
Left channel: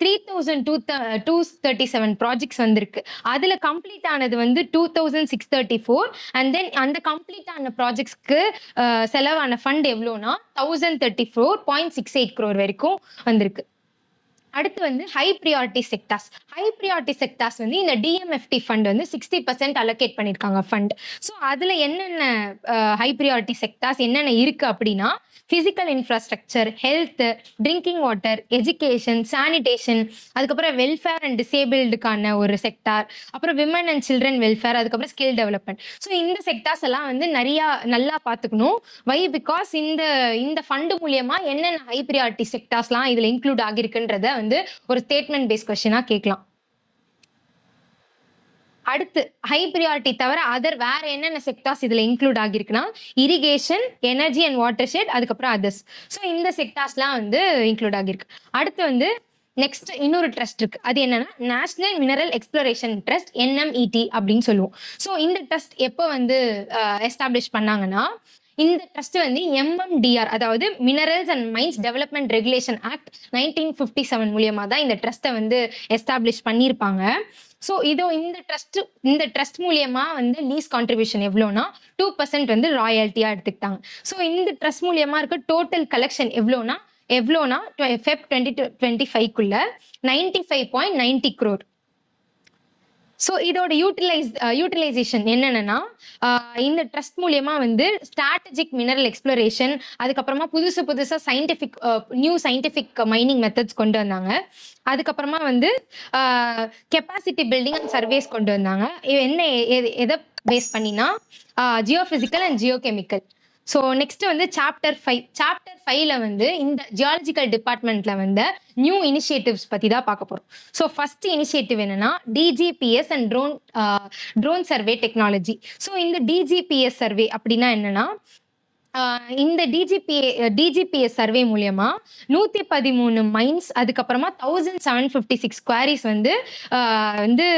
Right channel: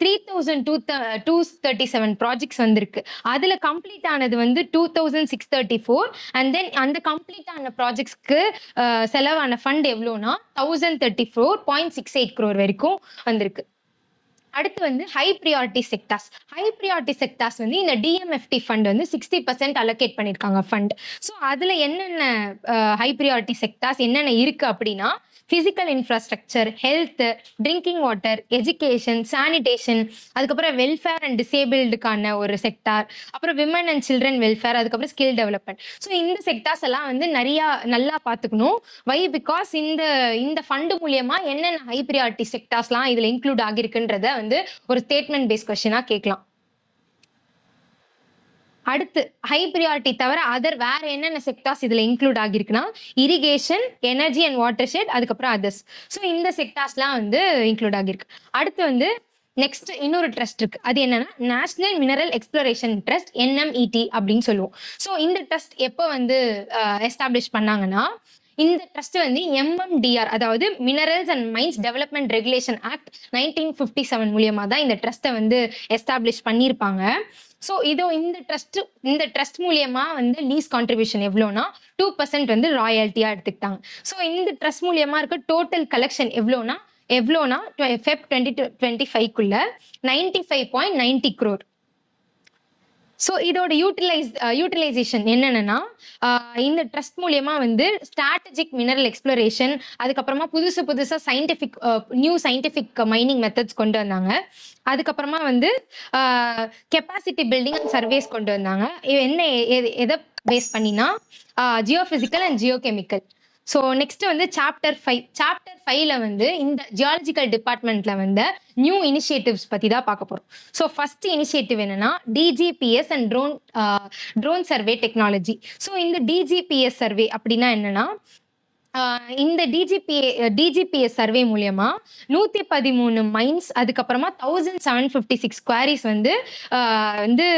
3237 ப்ராஜெக்ட்ஸ் வந்திருக்கு. அதுல கம்ப்ளீட் ஆனது வந்து 2634. அண்ட் தென் அந்த கம்ப்ளீட் ஆன ப்ராஜெக்ட்ஸ்க்கு செலவான ஃபண்ட் எவ்வளோனா 1034.68 crore வரைக்கும் வந்திருக்கு. அடுத்து வந்து ஹை ப்ரியாரிட்டி செக்டார்ஸ் வந்து இந்த DMFT ஃபண்ட் வந்து 60% அலோகேட் பண்ணியிருக்காங்க ஃபண்ட். ஸோ அதில் என்னென்ன ஹை ப்ரியாரிட்டி செக்டார்ஸ் என்னென்ன இருக்கு அப்படின்னா physical infrastructure, health, drinking water, education, sanitation, அதுக்கப்புறம் வெல்ஃபேர் அண்ட் டிசேபிள்டுக்கான ஒரு செக்டார், அப்புறம் விமன் அண்ட் சில்ட்ரன் வெல்ஃபேர், அதுக்கப்புறம் ஸ்கில் டெவலப்மெண்ட். ஸோ இந்த செக்டார்ஸ் எல்லாம் வந்து நல்லா பார்த்துக்கணும். வை பிகாஸ் இந்த ஃபண்டு மூலியமா என்னென்ன ஹை ப்ரியாரிட்டி செக்டார்ஸ்லாம் இதில் இன்க்ளூட் ஆகிருக்குன்றத வந்து ஒரு ஸ்டேட்மெண்ட் பேஸ் கொஸ்டினா கேட்கலாம். அடுத்து ஹை ப்ரியாரிட்டி தவிர வேற என்னென்ன செக்டார்ஸ் இதுல இன்க்ளூட் ஆகிருக்குன்னா irrigation, energy and watershed, அதுக்கப்புறம் அதர்ஸ். ஸோ இந்த செக்டார்ஸ்லாம் வந்து இன்க்ளூட் ஆகிருக்கு. அடுத்து வந்து நெக்ஸ்ட் இன்னொரு ட்ரஸ்ட் இருக்கு. அது என்னன்னா national mineral exploration trust, NMET அப்படின்னு சொல்லுவோம். ஸோ இந்த ட்ரஸ்ட் எப்போ வந்து எஸ்டாப்ளிஷ் பண்ணாங்கன்னா இந்த ட்ரஸ்ட் வந்து MMDR, அதாவது minerals and mines development regulation act 1957 மூலியமா தான் இந்த ட்ரஸ்ட்டை வந்து எஸ்டாப்ளிஷ் பண்ணியிருப்பாங்க. ஸோ இந்த ட்ரஸ்ட் மூலியமா வந்து லீஸ் கான்ட்ரிபியூஷன் எவ்வளோனா 2% வந்து ராயல்ட்டியா எடுத்துக்கிட்டாங்க. ஸோ இந்த ட்ரஸ்ட் மூலியமா இருக்க டோட்டல் கலெக்ஷன் எவ்வளோனா ஃபெப் 2025க்குள்ள 95.90 crore. ஸோ இதோட யூட்டிலைசேஷன் என்னென்னா, இந்த ட்ரஸ்ட் மூலியமா வந்து ஸ்ட்ராட்டஜிக் மினரல் எக்ஸ்ப்ளோரேஷன், அதுக்கப்புறமா புதுசா நியூ சயின்டிஃபிக் மைனிங் மெத்தட்ஸ் கொண்டு வந்தாங்க. அதுக்கப்புறமா வந்து கெப்பாசிட்டி பில்டிங் அண்ட் சர்வேஸ் கொண்டு வந்தாங்க. என்ன எதை பேஸ் பண்ணினா Jio physical and Jio chemical. So next வந்து சாப்டர் 5ல வந்து இந்த ஜியாலஜிக்கல் டிபார்ட்மெண்ட்ல வந்து நியூ இனிஷியேட்டிவ்ஸ் பத்தி தான் பார்க்க போறோம். ஸோ ஃபர்ஸ்ட் இனிஷியேட்டிவ் என்னன்னா DGPS and drone survey technology. So இந்த டிஜிபிஎஸ் சர்வே அப்படின்னா என்னன்னா, இந்த டிஜிபிஎஸ் சர்வே மூலியமா 113 மைன்ஸ், அதுக்கப்புறமா 1756 குவாரிஸ் வந்து வந்து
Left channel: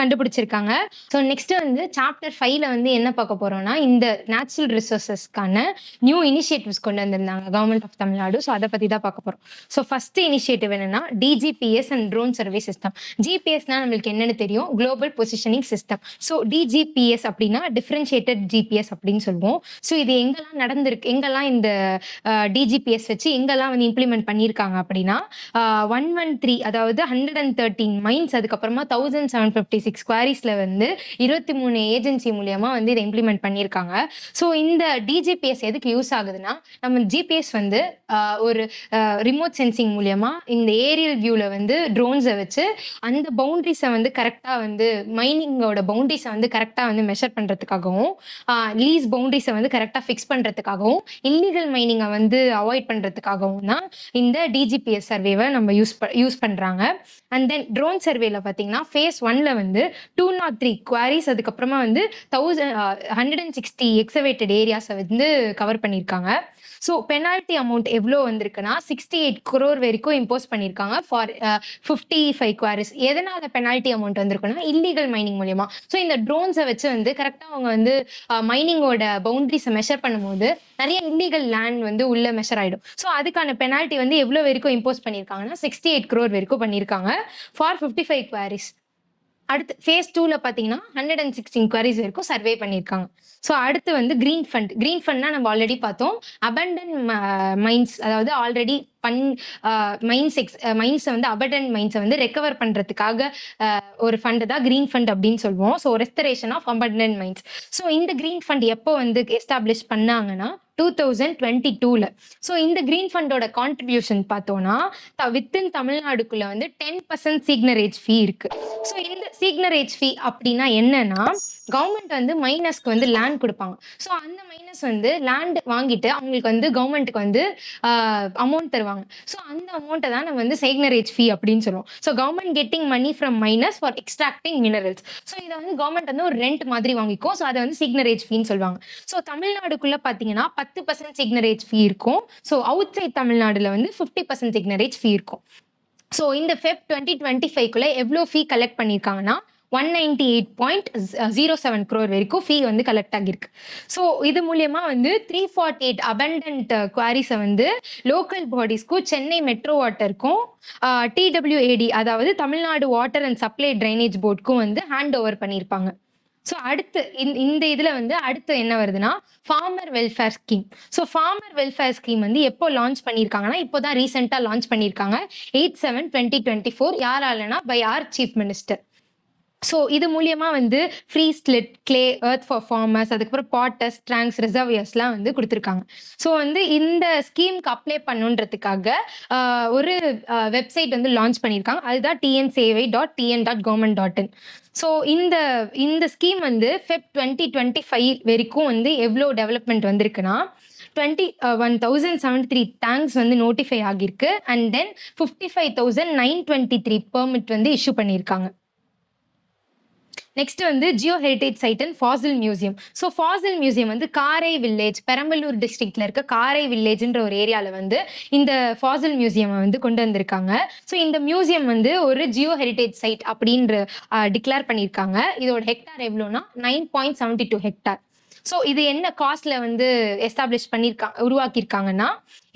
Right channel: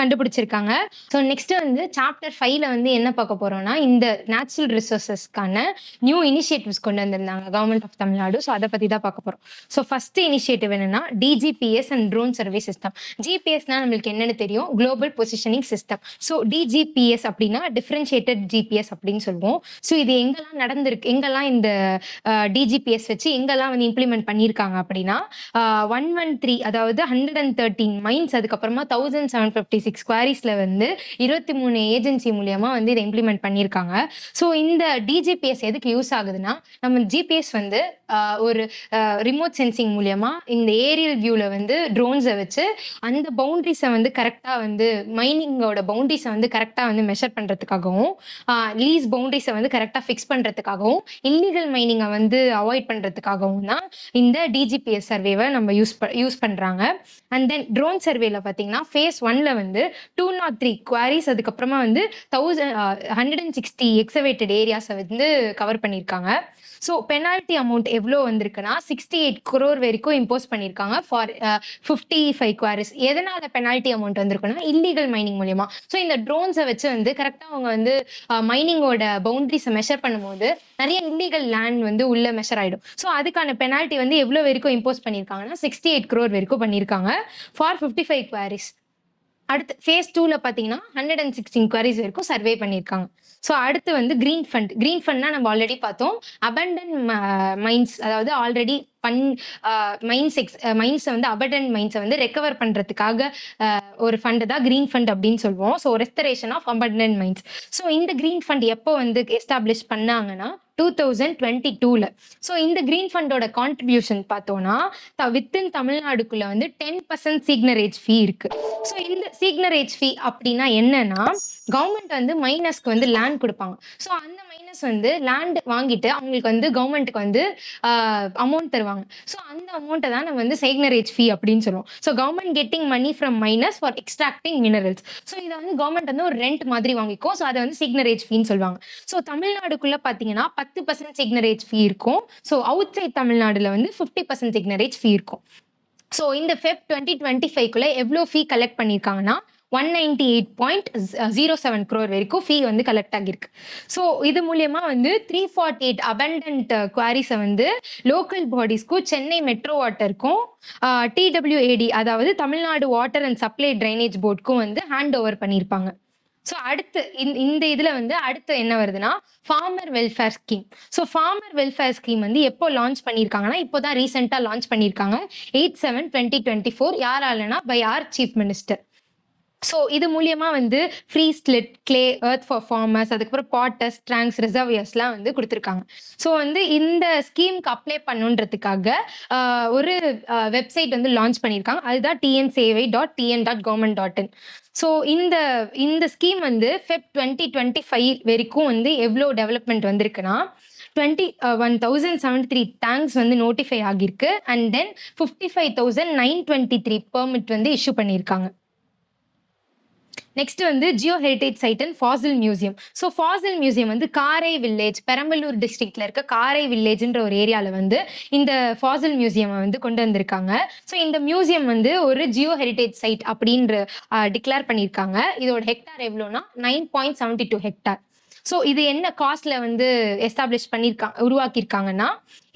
கண்டுபிடிச்சிருக்காங்க. ஸோ நெக்ஸ்ட் வந்து சாப்டர் 5ல வந்து என்ன பார்க்க போறோம்னா, இந்த நேச்சுரல் ரிசோர்சஸ்க்கான நியூ இனிஷியேட்டிவ்ஸ் கொண்டு வந்திருந்தாங்க கவர்மெண்ட் ஆஃப் தமிழ்நாடு. ஸோ அதை பத்தி தான் பார்க்க போறோம். ஸோ ஃபர்ஸ்ட் இனிஷியேட்டிவ் என்னன்னா DGPS and drone survey system. ஜிபிஎஸ்னா நம்மளுக்கு என்னன்னு தெரியும், global positioning system. So DGPS அப்படின்னா டிஃபரன்ஷியேட்டட் ஜிபிஎஸ் அப்படின்னு சொல்லுவோம். ஸோ இது எங்கெல்லாம் இந்த டிஜிபிஎஸ் வச்சு எங்கெல்லாம் வந்து இம்ப்ளிமெண்ட் பண்ணியிருக்காங்க அப்படின்னா 113, அதாவது 113 மைன்ஸ், அதுக்கப்புறமா 1756 குவாரிஸ்ல வந்து 23 ஏஜென்சி மூலியமா வந்து இதை இம்ப்ளிமெண்ட் பண்ணியிருக்காங்க. ஸோ இந்த டிஜிபிஎஸ் எதுக்கு யூஸ் ஆகுதுன்னா, நம்ம ஜிபிஎஸ் வந்து ஒரு ரிமோட் சென்சிங் மூலியமா இந்த ஏரியல் வியூல வந்து ட்ரோன்ஸை வச்சு அந்த பவுண்டரிஸை வந்து கரெக்டாக வந்து மைனிங்கோட பவுண்டரிஸை வந்து கரெக்டாக வந்து மெஷர் பண்ணுறதுக்காகவும், லீஸ் பவுண்டரிஸை வந்து கரெக்டாக ஃபிக்ஸ் பண்ணுறதுக்காகவும், இல்லீகல் மைனிங்கை வந்து அவாய்ட் பண்ணுறதுக்காகவும் தான் இந்த டிஜிபிஎஸ் சர்வேவை நம்ம யூஸ் பண்ணுறாங்க. அண்ட் தென் ட்ரோன் சர்வேல பார்த்தீங்கன்னா phase 1ல வந்து 203 குவாரிஸ், அதுக்கப்புறமா வந்து 160 எக்ஸவேட்டட் ஏரியாஸை வந்து கவர் பண்ணியிருக்காங்க. ஸோ பெனால்ட்டி அமௌண்ட் எவ்வளோ வந்திருக்குன்னா 68 crore வரைக்கும் இம்போஸ் பண்ணியிருக்காங்க ஃபார் 55 குவாரிஸ். எதனால பெனால்ட்டி அமௌண்ட் வந்திருக்குன்னா, இல்லீகல் மைனிங் மூலியமா. ஸோ இந்த ட்ரோன்ஸை வச்சு வந்து கரெக்டாக அவங்க வந்து மைனிங்கோட பவுண்டரிஸை மெஷர் பண்ணும்போது நிறைய இல்லீகல் லேண்ட் வந்து உள்ள மெஷர் ஆயிடும். ஸோ அதுக்கான பெனால்ட்டி வந்து எவ்வளோ வரைக்கும் இம்போஸ் பண்ணியிருக்காங்கன்னா 68 crore வரைக்கும் பண்ணியிருக்காங்க ஃபார் 55 குவாரிஸ். அடுத்து phase 2ல பார்த்தீங்கன்னா 116 குவாரிஸ் வரைக்கும் சர்வே பண்ணியிருக்காங்க. ஸோ அடுத்து வந்து கிரீன் ஃபண்ட்னா நம்ம ஆல்ரெடி பார்த்தோம். அபண்டன் மைன்ஸ், அதாவது ஆல்ரெடி மைன்ஸை வந்து அபண்டன் மைன்ஸை வந்து ரெக்கவர் பண்ணுறதுக்காக ஒரு ஃபண்டு தான் கிரீன் ஃபண்ட் அப்படின்னு சொல்லுவோம். So restoration of abandon mines. So இந்த கிரீன் ஃபண்ட் எப்போ வந்து எஸ்டாப்ளிஷ் பண்ணாங்கன்னா 2022ல. ஸோ இந்த கிரீன் ஃபண்டோட கான்ட்ரிபியூஷன் பார்த்தோம்னா வித்தின் தமிழ்நாடுக்குள்ள வந்து 10% சிக்னரேஜ் ஃபீ இருக்கு. ஸோ இந்த சிக்னரேஜ் ஃபீ அப்படின்னா என்னன்னா, கவர்மெண்ட் வந்து மைனஸ்க்கு வந்து லேண்ட் கொடுப்பாங்க. ஸோ அந்த மைனஸ் வந்து லேண்ட் வாங்கிட்டு அவங்களுக்கு வந்து கவர்மெண்ட்டுக்கு வந்து அமௌண்ட் தருவாங்க. ஸோ அந்த அமௌண்ட்டை தான் நம்ம வந்து சிக்னரேஜ் ஃபீ அப்படின்னு சொல்லுவோம். So government getting money from mines for extracting minerals. So இதை வந்து கவர்மெண்ட் வந்து ஒரு ரெண்ட் மாதிரி வாங்கிக்கும். ஸோ அதை வந்து சிக்னரேஜ் ஃபீன்னு சொல்லுவாங்க. ஸோ தமிழ்நாடுக்குள்ள பார்த்தீங்கன்னா 10% சிக்னரேஜ் ஃபீ இருக்கும். ஸோ அவுட் சைட் தமிழ்நாடுல வந்து 50% சிக்னரேஜ் ஃபீ இருக்கும். ஸோ இந்த ஃபெப் 2025க்குள்ள எவ்வளோ ஃபீ கலெக்ட் பண்ணியிருக்காங்கன்னா 198.07 crore வரைக்கும் ஃபீ வந்து கலெக்ட் ஆகியிருக்கு. ஸோ இது மூலியமா வந்து 348 அபண்டன்ட் குவாரிஸை வந்து லோக்கல் பாடிஸ்க்கும், சென்னை மெட்ரோ வாட்டருக்கும், TWAD அதாவது Tamil Nadu water and supply drainage போர்டுக்கும் வந்து ஹேண்ட் ஓவர் பண்ணியிருப்பாங்க. ஸோ அடுத்து இந்த இதில் வந்து அடுத்து என்ன வருதுன்னா farmer welfare scheme. So farmer welfare scheme வந்து எப்போ லான்ச் பண்ணியிருக்காங்கன்னா, இப்போ தான் ரீசெண்டாக லான்ச் பண்ணியிருக்காங்க 8/7/2024. யாராலனா by our chief minister. So இது மூலியமா வந்து free silt, clay, earth for farmers, அதுக்கப்புறம் பாட்டஸ், ட்ராங்க்ஸ், ரிசர்வியர்ஸ்லாம் வந்து கொடுத்துருக்காங்க. ஸோ வந்து இந்த ஸ்கீமுக்கு அப்ளை பண்ணுன்றதுக்காக ஒரு வெப்சைட் வந்து லான்ச் பண்ணியிருக்காங்க. அதுதான் tnsavai.tn.government.in. ஸோ இந்த ஸ்கீம் வந்து ஃபெப் 2025 வரைக்கும் வந்து எவ்வளோ டெவலப்மெண்ட் வந்திருக்குன்னா 21,073 டேங்க்ஸ் வந்து நோட்டிஃபை ஆகியிருக்கு. அண்ட் தென் 55,923 பெர்மிட் வந்து இஷ்யூ பண்ணியிருக்காங்க. நெக்ஸ்ட் வந்து geo heritage site and fossil museum. So fossil museum வந்து காரை வில்லேஜ், பெரம்பலூர் டிஸ்ட்ரிக்ட்ல இருக்க காரை வில்லேஜ்ன்ற ஒரு ஏரியாவில் வந்து இந்த ஃபாசில் மியூசியம் வந்து கொண்டு வந்திருக்காங்க. ஸோ இந்த மியூசியம் வந்து ஒரு ஜியோ ஹெரிட்டேஜ் சைட் அப்படின்ற டிக்ளேர் பண்ணியிருக்காங்க. இதோட ஹெக்டார் எவ்வளோன்னா 9.72 ஹெக்டார். ஸோ இது என்ன காஸ்ட்ல வந்து எஸ்டாப்ளிஷ் உருவாக்கியிருக்காங்கன்னா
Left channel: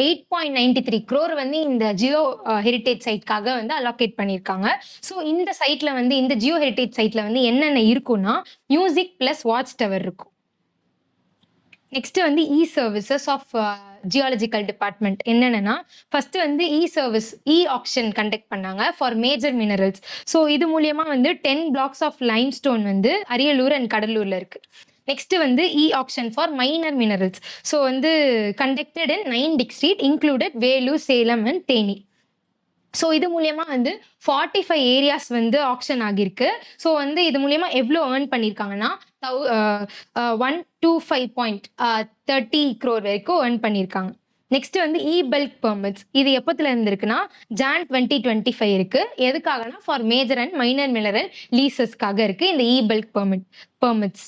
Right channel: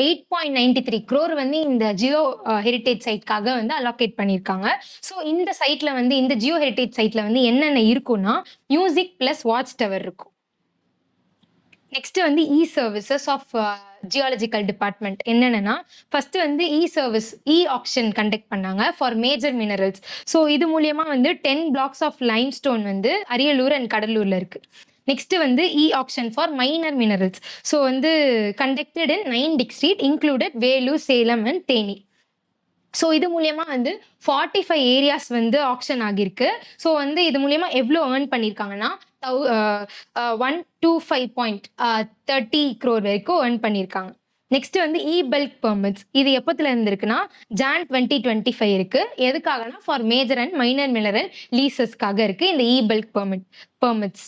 8.93 crore வந்து இந்த ஜியோ ஹெரிட்டேஜ் சைட்காக வந்து அலோகேட் பண்ணியிருக்காங்க. ஸோ இந்த சைட்ல வந்து இந்த ஜியோ ஹெரிட்டேஜ் சைட்ல வந்து என்னென்ன இருக்குன்னா மியூசிக் பிளஸ் வாட்ச் டவர் இருக்கும். நெக்ஸ்ட் வந்து இ சர்வீசஸ் ஆஃப் ஜியாலஜிக்கல் டிபார்ட்மெண்ட் என்னென்னா, ஃபர்ஸ்ட் வந்து e service e auction conduct பண்ணாங்க ஃபார் மேஜர் மினரல்ஸ். ஸோ இது மூலியமா வந்து 10 பிளாக்ஸ் ஆஃப் லைம்ஸ்டோன் வந்து அரியலூர் அண்ட் கடலூர்ல இருக்கு. நெக்ஸ்ட் வந்து e auction for minor minerals. So வந்து conducted in 9 district included Vellore, Salem and Theni. So இது மூலியமா வந்து 45 ஏரியாஸ் வந்து ஆப்ஷன் ஆகியிருக்கு. ஸோ வந்து இது மூலியமா எவ்வளோ ஏர்ன் பண்ணியிருக்காங்கன்னா 125.30 crore வரைக்கும் ஏர்ன் பண்ணியிருக்காங்க. நெக்ஸ்ட் வந்து இ பல்க் பெர்மிட்ஸ். இது எப்பத்துல இருந்து இருக்குன்னா ஜான் 2025 இருக்கு. எதுக்காகனா for major and minor mineral லீசஸ்க்காக இருக்கு இந்த e bulk permits.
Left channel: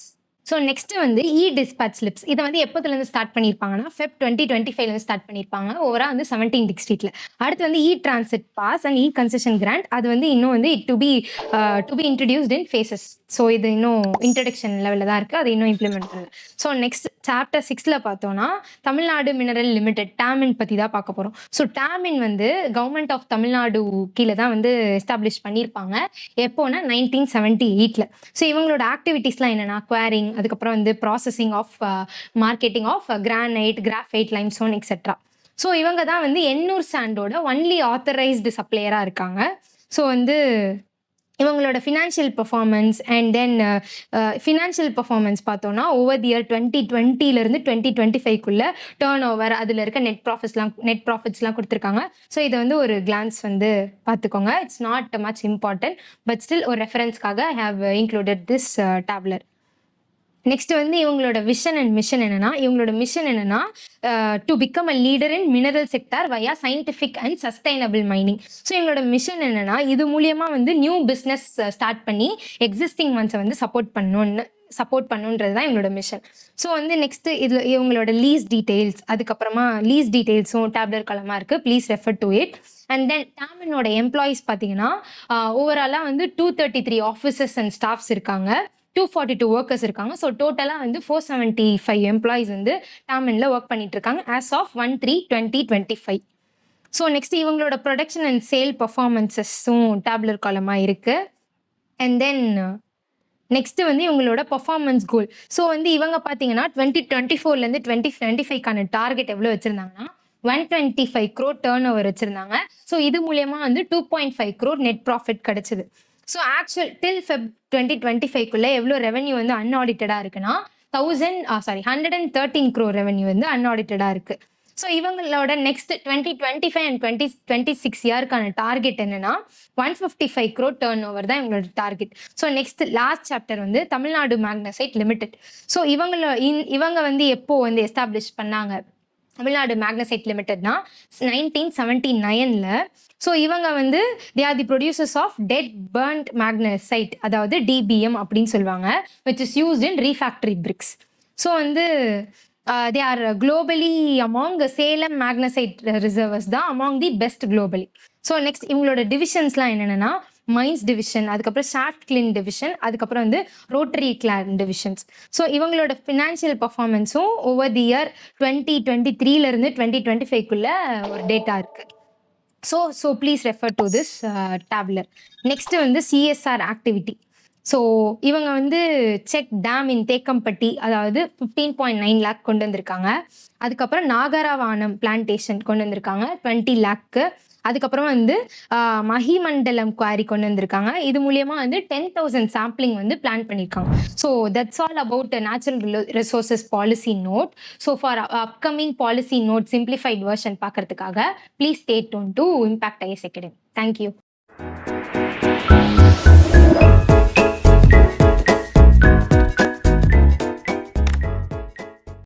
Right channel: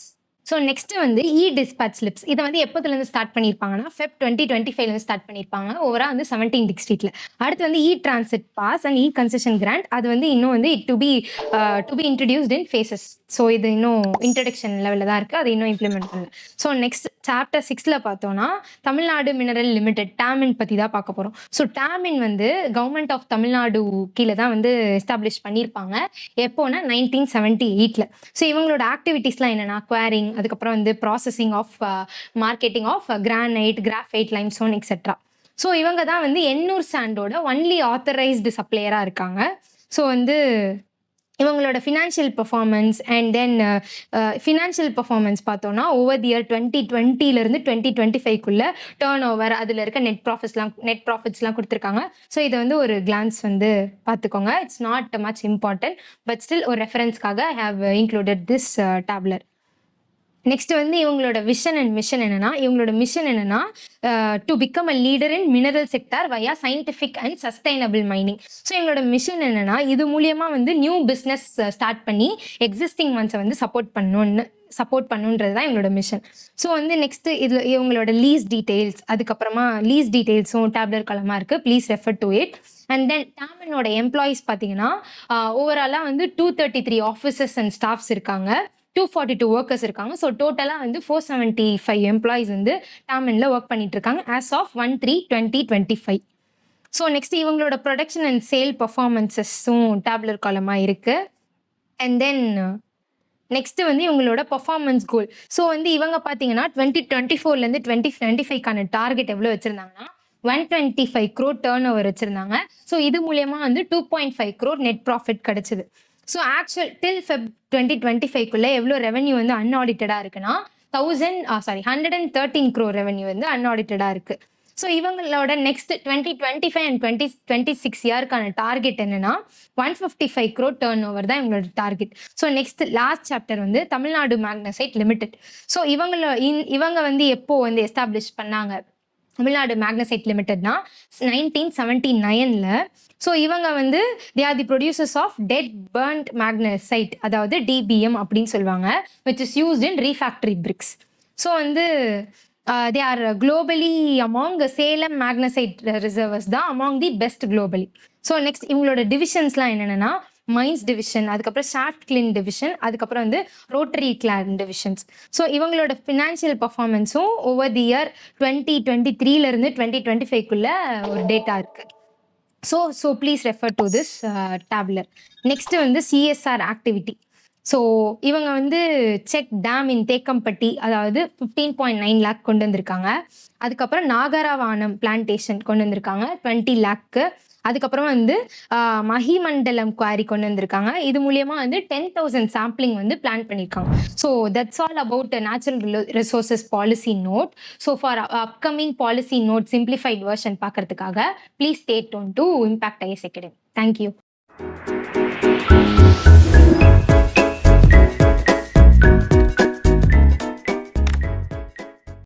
So next வந்து இ டிஸ்பேச் ஸ்லிப்ஸ். இதை வந்து எப்போதுலேருந்து ஸ்டார்ட் பண்ணியிருப்பாங்கன்னா Feb 2025 ஸ்டார்ட் பண்ணியிருப்பாங்க. ஓவரா வந்து 17 டிஸ்ட்ரிக்ட்ல. அடுத்து வந்து e transit pass and e concession grant. அது வந்து இன்னும் வந்து to be introduced in phases. So இது இன்னும் இன்ட்ரடக்ஷன் லெவலில் தான் இருக்குது. அது இன்னும் இம்ப்ளிமெண்ட் பண்ணல. ஸோ நெக்ஸ்ட் சாப்டர் 6ல பார்த்தோம்னா தமிழ்நாடு மினரல் லிமிடெட் டேமின் பற்றி தான் பார்க்க போகிறோம். ஸோ டேமின் வந்து கவர்மெண்ட் ஆஃப் தமிழ்நாடு கீழே தான் வந்து எஸ்டாப்ளிஷ் பண்ணியிருப்பாங்க. எப்போனா 1978ல. ஸோ இவங்களோட ஆக்டிவிட்டீஸ்லாம் என்னென்னா குவாரிங், அதுக்கப்புறம் வந்து processing of marketing of granite, graphite, limestone etcetera. So இவங்க தான் வந்து எண்ணூர் சாண்டோட ஒன்லி ஆத்தரைஸ்டு சப்ளையராக இருக்காங்க. ஸோ வந்து இவங்களோட financial performance and then financial performance பார்த்தோன்னா ஓவர் தி இயர் 2020லேருந்து 2025க்குள்ள டேர்ன் ஓவர், அதில் இருக்க நெட் ப்ராஃபிட்ஸ்லாம் கொடுத்துருக்காங்க. ஸோ இதை வந்து ஒரு கிளான்ஸ் வந்து பார்த்துக்கோங்க. It's not much important, but still ஒரு ரெஃபரன்ஸ்க்காக I have included this tabular. Next வந்து இவங்களோட விஷன் அண்ட் மிஷன் என்னன்னா to become a leader in mineral sector via scientific and sustainable mining. So இவங்களோட மிஷன் என்னன்னா இது மூலியமா வந்து நியூ பிஸ்னஸ் ஸ்டார்ட் பண்ணி எக்ஸிஸ்டிங் ஒன்ஸை வந்து சப்போர்ட் பண்ணுன்றது தான் எங்களோட மிஷன். ஸோ வந்து நெக்ஸ்ட் இது இவங்களோட லீஸ் டீடைல்ஸும் டேப்லெட் காலமாக இருக்குது. Please refer to it. And then டேமினோட எம்ப்ளாயீஸ் பார்த்தீங்கன்னா ஓவராலாக வந்து 233 ஆஃபீஸர்ஸ் அண்ட் ஸ்டாஃப்ஸ் இருக்காங்க, 242 ஒர்க்கர்ஸ் இருக்காங்க. ஸோ டோட்டலாக வந்து 475 எம்ப்ளாயிஸ் வந்து டேமினில் ஒர்க் பண்ணிட்டு இருக்காங்க ஆஸ் ஆஃப் 1/3/2025. ஸோ நெக்ஸ்ட் இவங்களோட ப்ரொடக்ஷன் அண்ட் சேல் பர்ஃபார்மன்ஸஸும் டேப்லர் காலமாக இருக்குது. அண்ட் தென் நெக்ஸ்ட் வந்து இவங்களோட பர்ஃபார்மன்ஸ் கோல். ஸோ வந்து இவங்க பார்த்தீங்கன்னா 2024லேருந்து 2025க்கான டார்கெட் எவ்வளோ வச்சுருந்தாங்கன்னா 125 crore டேர்ன் ஓவர் வச்சுருந்தாங்க. ஸோ இது மூலயமா வந்து 2.5 crore நெட் ப்ராஃபிட் கிடைச்சிது. ஸோ ஆக்சுவல் டில் Feb 2025க்குள்ளே எவ்வளோ ரெவன்யூ வந்து அன்ஆடிட்டடாக இருக்குன்னா 113 crore ரெவன்யூ வந்து அன்ஆடிட்டடாக இருக்குது. ஸோ இவங்களோட நெக்ஸ்ட் 2025 அண்ட் 2026 இயர்க்கான டார்கெட் என்னன்னா 155 crore டர்ன் ஓவர் தான் இவங்களோட target. So next last chapter வந்து தமிழ்நாடு மேக்னசைட் லிமிடெட். ஸோ இவங்க வந்து எப்போ வந்து எஸ்டாப்ளிஷ் பண்ணாங்க தமிழ்நாடு மேக்னசைட் லிமிடெட்னா 1979ல. ஸோ இவங்க வந்து they are the producers of dead burnt magnesite, அதாவது DBM அப்படின்னு சொல்லுவாங்க, which is used in refractory bricks. So வந்து they are globally among the Salem magnesite reservoirs தான் among the best globally. So next இவங்களோட டிவிஷன்ஸ்லாம் என்னென்னா mines division, அதுக்கப்புறம் short கிளின் division, அதுக்கப்புறம் வந்து ரோட்டரி கிளான் டிவிஷன்ஸ். ஸோ இவங்களோட ஃபினான்ஷியல் பர்ஃபார்மன்ஸும் ஓவர் தி இயர் 2023லேருந்து 2025க்குள்ள ஒரு data இருக்குது. So please refer to this tabular. Next வந்து CSR ஆக்டிவிட்டி. ஸோ இவங்க வந்து செக் டேம் இன் தேக்கம்பட்டி, அதாவது 15.9 lakh கொண்டு வந்திருக்காங்க. அதுக்கப்புறம் நாகரவானம் பிளான்டேஷன் கொண்டு வந்திருக்காங்க 20 lakh. அதுக்கப்புறம் வந்து மஹிமண்டலம் குவாரி கொண்டு வந்திருக்காங்க. இது மூலியமா வந்து 10,000 சாம்பிளிங் வந்து பிளான் பண்ணியிருக்காங்க. So that's all about natural resources policy note. So for upcoming policy note simplified version பார்க்கறதுக்காக please stay tuned to impact IAS Academy. Thank you.